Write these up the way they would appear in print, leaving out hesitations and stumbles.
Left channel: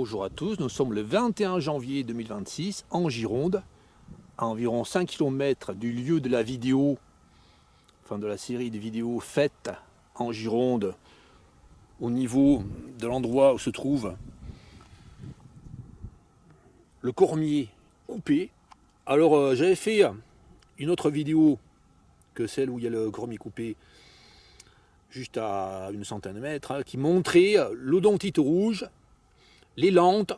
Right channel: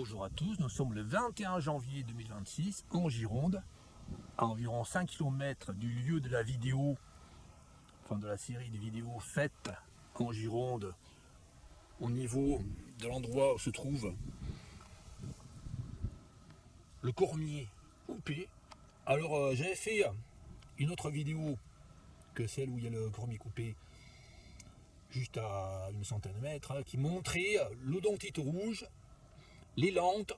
Bonjour à tous, nous sommes le 21 janvier 2026 en Gironde, à environ 5 km du lieu de la vidéo, enfin de la série de vidéos faites en Gironde, au niveau de l'endroit où se trouve le cormier coupé. Alors j'avais fait une autre vidéo que celle où il y a le cormier coupé, juste à une centaine de mètres, qui montrait l'odontite rouge, les lentes.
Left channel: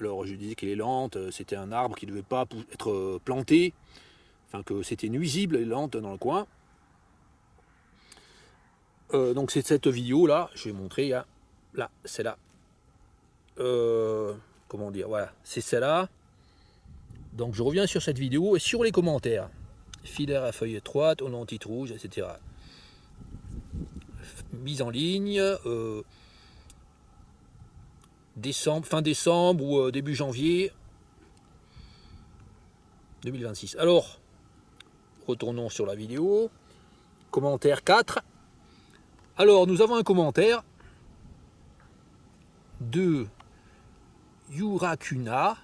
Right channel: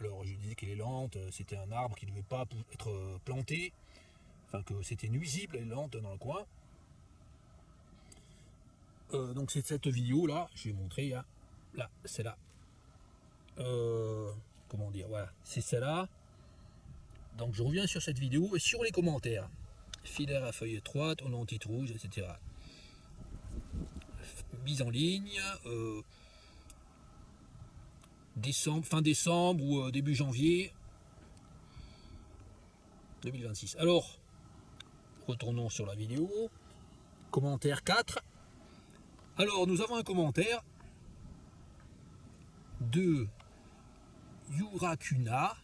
Alors je disais que les lentes, c'était un arbre qui ne devait pas être planté, enfin que c'était nuisible les lentes dans le coin. Donc c'est cette vidéo là, je vais montrer, hein. Là, c'est là. Comment dire, voilà, c'est celle-là. Donc je reviens sur cette vidéo et sur les commentaires. Filaire à feuille étroite, odontite rouge, etc. Mise en ligne, décembre, fin décembre ou début janvier 2026. Alors, retournons sur la vidéo. Commentaire 4. Alors, nous avons un commentaire de Yurakuna.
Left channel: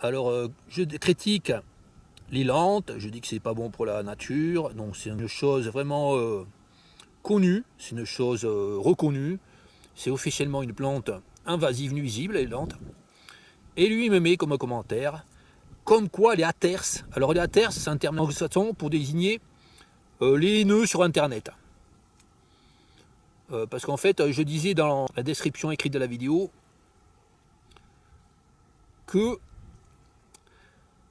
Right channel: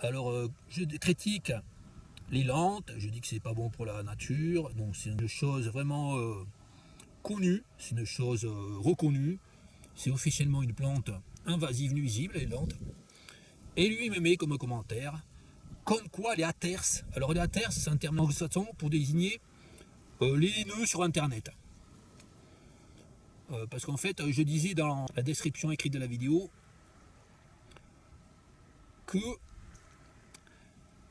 Alors, je critique les lentes, je dis que c'est pas bon pour la nature, donc c'est une chose vraiment connue, c'est une chose reconnue, c'est officiellement une plante invasive nuisible, les lentes. Et lui, il me met comme commentaire, comme quoi les haters, alors les haters, c'est un terme anglo-saxon pour désigner les haineux sur Internet. Parce qu'en fait, je disais dans la description écrite de la vidéo que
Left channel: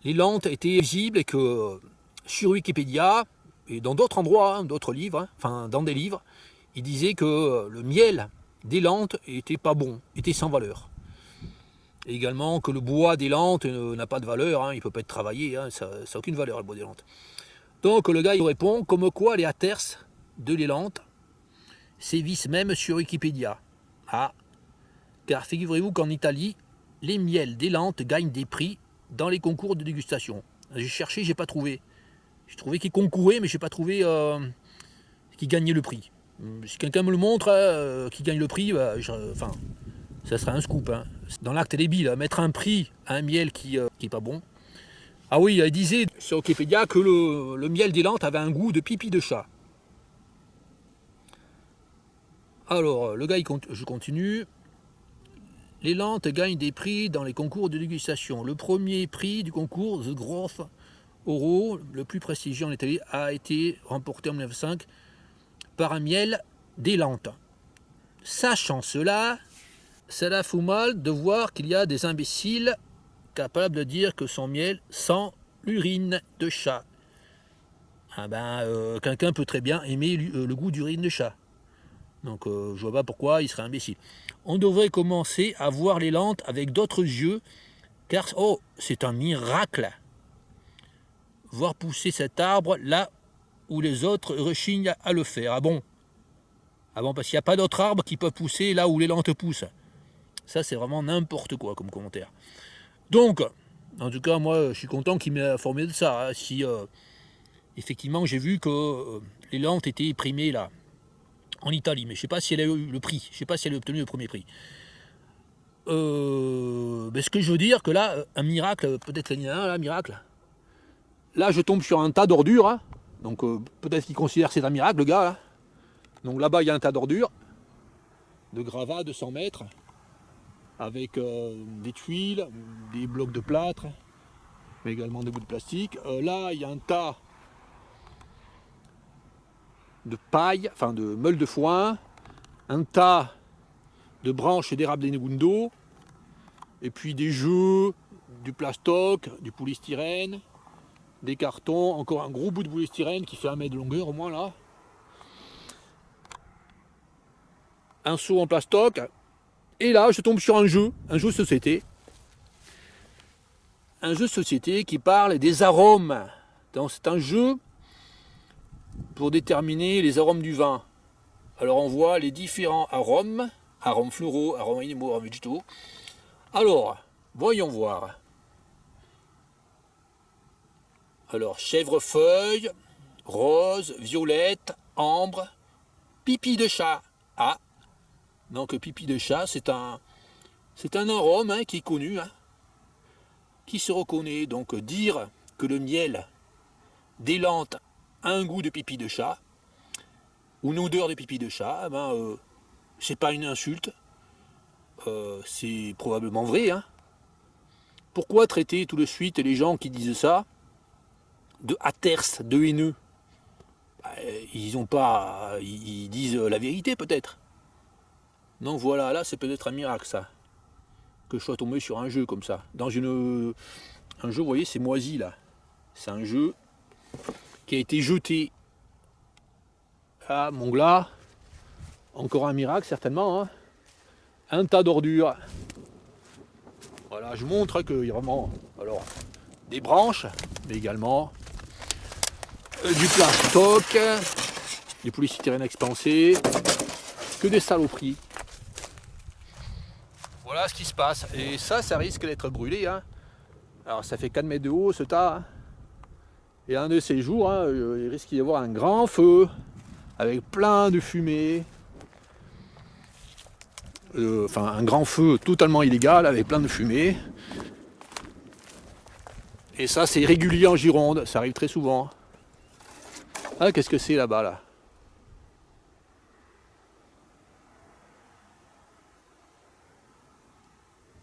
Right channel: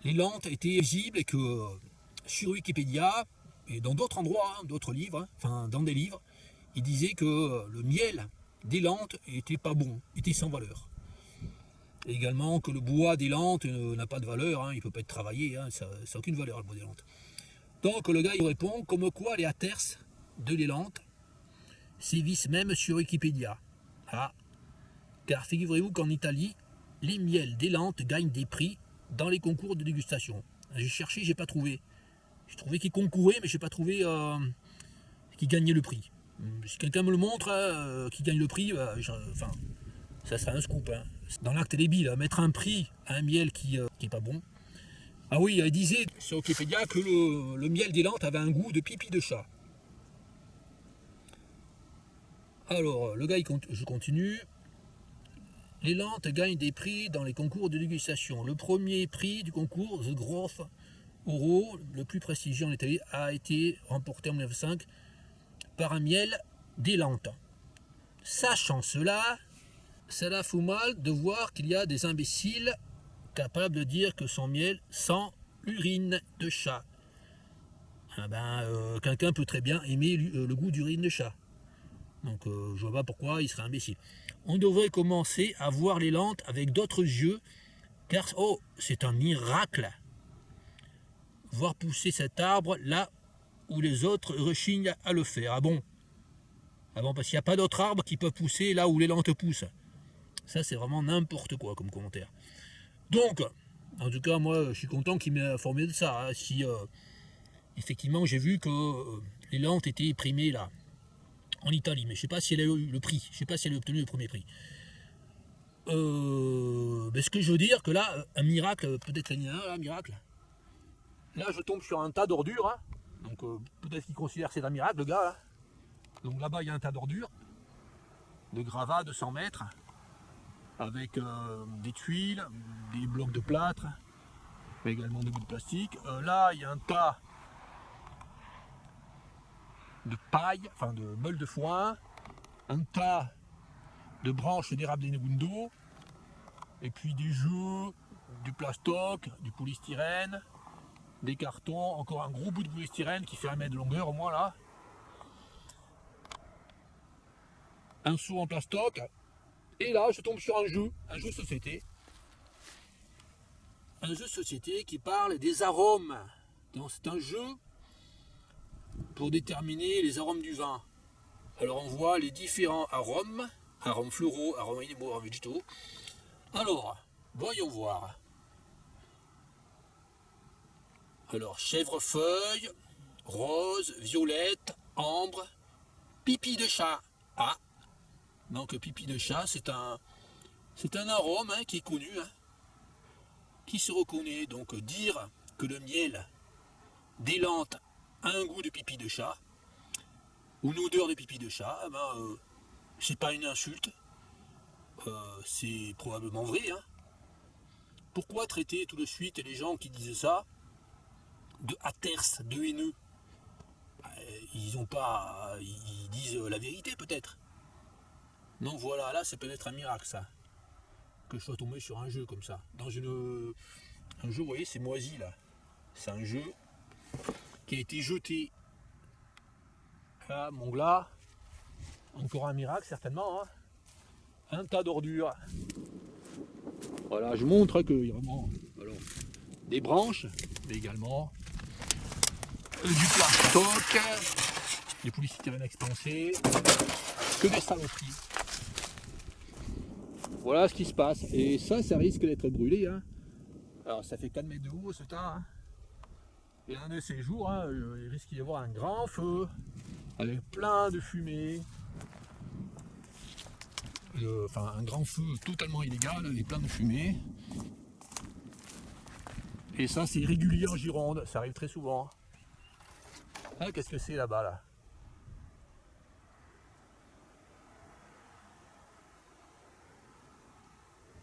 les lentes étaient visibles et que sur Wikipédia et dans d'autres endroits, d'autres livres, enfin dans des livres, il disait que le miel des lentes était pas bon, était sans valeur. Et également que le bois des lentes n'a pas de valeur, il ne peut pas être travaillé, ça n'a aucune valeur le bois des lentes. Donc le gars il répond comme quoi les haters de les lentes sévissent même sur Wikipédia. Ah, car figurez-vous qu'en Italie, les miels des lentes gagnent des prix dans les concours de dégustation. J'ai cherché, j'ai pas trouvé. J'ai trouvé qu'ils concouraient, mais j'ai pas trouvé qu'ils gagnaient le prix. Si quelqu'un me le montre, qui gagne le prix, enfin, ça sera un scoop. Dans l'acte débile, mettre un prix à un miel qui est pas bon. Ah oui, il disait sur Wikipédia que le miel des lentes avait un goût de pipi de chat. Alors, le gars, je continue. Les lentes gagnent des prix dans les concours de dégustation. Le premier prix du concours, The Groff Oro, le plus prestigieux en Italie, a été remporté en 1905 par un miel des lentes. Sachant cela, cela fout mal de voir qu'il y a des imbéciles capables de dire que son miel sent l'urine de chat. Ah ben, quelqu'un peut très bien aimer le goût d'urine de chat. Donc je vois pas pourquoi il serait imbécile. On devrait commencer à voir les lentes avec d'autres yeux, car oh, c'est un miracle. Voir pousser cet arbre là où les autres rechignent à le faire. Ah bon? Ah bon, parce qu'il n'y a pas d'autres arbres qui peuvent pousser là où les lentes poussent. Ça, c'est vraiment n'importe quoi comme commentaire. Donc, en tout cas, moi, je suis content qu'il m'ait informé de ça. Si effectivement, j'ai vu que les lentes étaient primées là, en Italie, mais je ne sais pas si elle a eu le prix. Je ne sais pas si elle a obtenu le premier prix. Mais ce que je veux dire, que là, un miracle, peut-être il y en a un miracle. Là, je tombe sur un tas d'ordures. Donc, peut-être qu'il considère que c'est un miracle, le gars. Là. Donc là-bas, il y a un tas d'ordures, de gravats de 100 mètres, avec des tuiles, des blocs de plâtre, mais également des bouts de plastique. Là, il y a un tas de paille, enfin de meules de foin, un tas de branches d'érable des Negundo, et puis des jeux, du plastoc, du polystyrène, des cartons, encore un gros bout de polystyrène qui fait 1 mètre de longueur au moins là. Un seau en plastoc, et là je tombe sur un jeu de société. Un jeu de société qui parle des arômes. Donc c'est un jeu pour déterminer les arômes du vin. Alors on voit les différents arômes, arômes floraux, arômes animaux, arômes végétaux. Alors, voyons voir. Alors, chèvrefeuille, rose, violette, ambre, pipi de chat. Ah, donc pipi de chat, c'est un C'est un arôme hein, qui est connu, hein, qui se reconnaît. Donc dire que le miel d'Élante a un goût de pipi de chat, ou une odeur de pipi de chat, ben, c'est pas une insulte, c'est probablement vrai. Hein. Pourquoi traiter tout de suite les gens qui disent ça de aterces, de haineux? Ben, ils ont pas, ils disent la vérité peut-être. Donc voilà, là c'est peut-être un miracle ça, que je sois tombé sur un jeu comme ça. Dans un jeu, vous voyez, c'est moisi là. C'est un jeu qui a été jeté. Ah, mon glas, encore un miracle certainement. Hein. Un tas d'ordures. Voilà, je montre qu'il y a vraiment alors, des branches, mais également du plastoc, du polystyrène expansé, que des saloperies. Voilà ce qui se passe. Et ça risque d'être brûlé. Hein. Alors ça fait 4 mètres de haut ce tas. Hein. Et un de ces jours, hein, il risque d'y avoir un grand feu avec plein de fumée. Enfin, un grand feu totalement illégal avec plein de fumée. Et ça, c'est régulier en Gironde, ça arrive très souvent. Ah, qu'est-ce que c'est là-bas, là?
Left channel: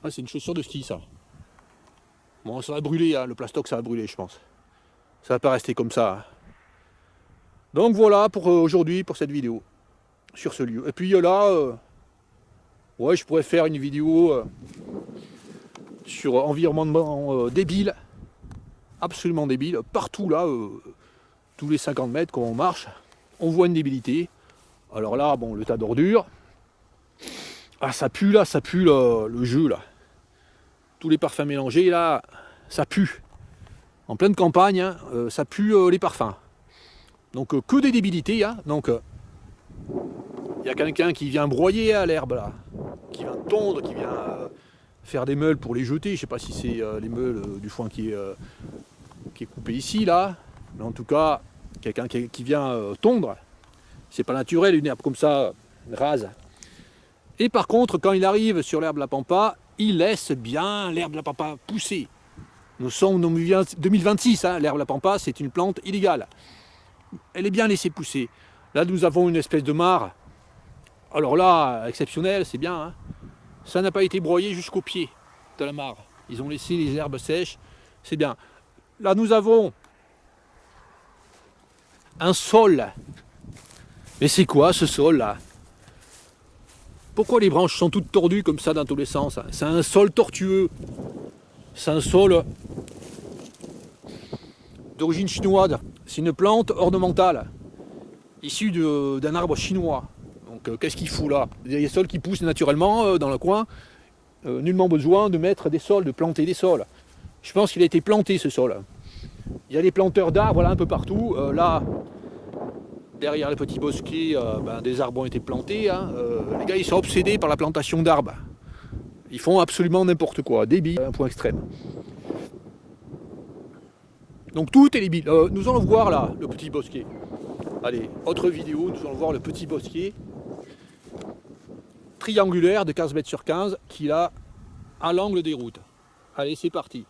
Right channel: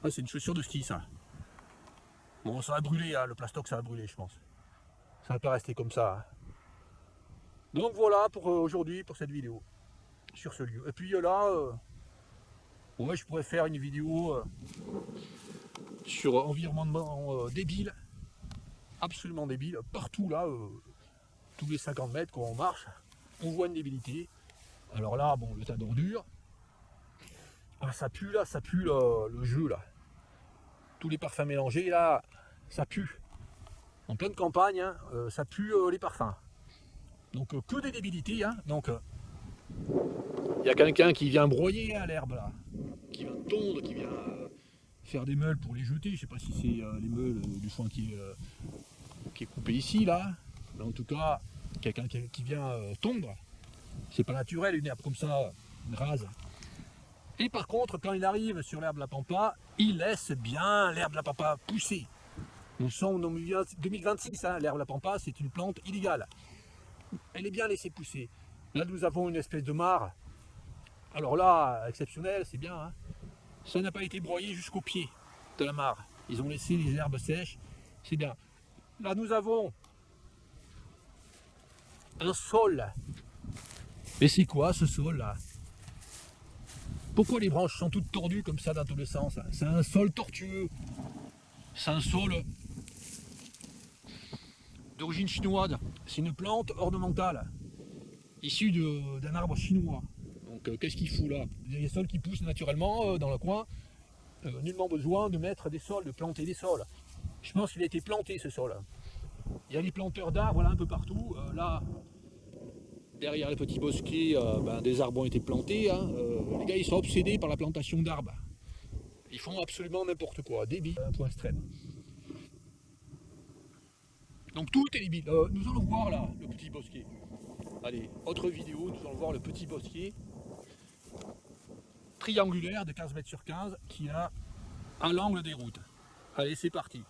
Ah, c'est une chaussure de ski, ça. Bon, ça va brûler, hein, le plastoc, ça va brûler, je pense. Ça va pas rester comme ça. Hein. Donc voilà pour aujourd'hui, pour cette vidéo, sur ce lieu. Et puis là, ouais, je pourrais faire une vidéo sur environnement débile, absolument débile. Partout là, tous les 50 mètres quand on marche, on voit une débilité. Alors là, bon, le tas d'ordures. Ah, ça pue là, ça pue le jeu là. Tous les parfums mélangés là, ça pue. En pleine campagne, hein, ça pue les parfums. Donc que des débilités. Hein. Donc il y a quelqu'un qui vient broyer à l'herbe là, qui vient tondre, qui vient faire des meules pour les jeter. Je sais pas si c'est les meules du foin qui est coupé ici là, mais en tout cas quelqu'un qui vient tondre. C'est pas naturel une herbe comme ça rase. Et par contre quand il arrive sur l'herbe de la pampa, il laisse bien l'herbe de la pampa pousser. Nous sommes en 2026, hein. L'herbe de la pampa c'est une plante illégale. Elle est bien laissée pousser. Là nous avons une espèce de mare. Alors là, exceptionnel, c'est bien. Hein. Ça n'a pas été broyé jusqu'au pied de la mare. Ils ont laissé les herbes sèches, c'est bien. Là nous avons un sol. Mais c'est quoi ce sol là? Pourquoi les branches sont toutes tordues comme ça dans tous les sens? C'est un sol tortueux. C'est un sol d'origine chinoise. C'est une plante ornementale, issue d'un arbre chinois. Donc qu'est-ce qu'il fout là? Il y a des sols qui poussent naturellement dans le coin. Nullement besoin de mettre des sols, de planter des sols. Je pense qu'il a été planté ce sol. Il y a des planteurs d'arbres voilà, un peu partout. Là, derrière le petit bosquet, des arbres ont été plantés. Hein. Les gars, ils sont obsédés par la plantation d'arbres. Ils font absolument n'importe quoi, débile, à un point extrême. Donc tout est débile. Nous allons voir là, le petit bosquet. Allez, autre vidéo, nous allons voir le petit bosquet triangulaire de 15 mètres sur 15 qu'il a à l'angle des routes. Allez, c'est parti.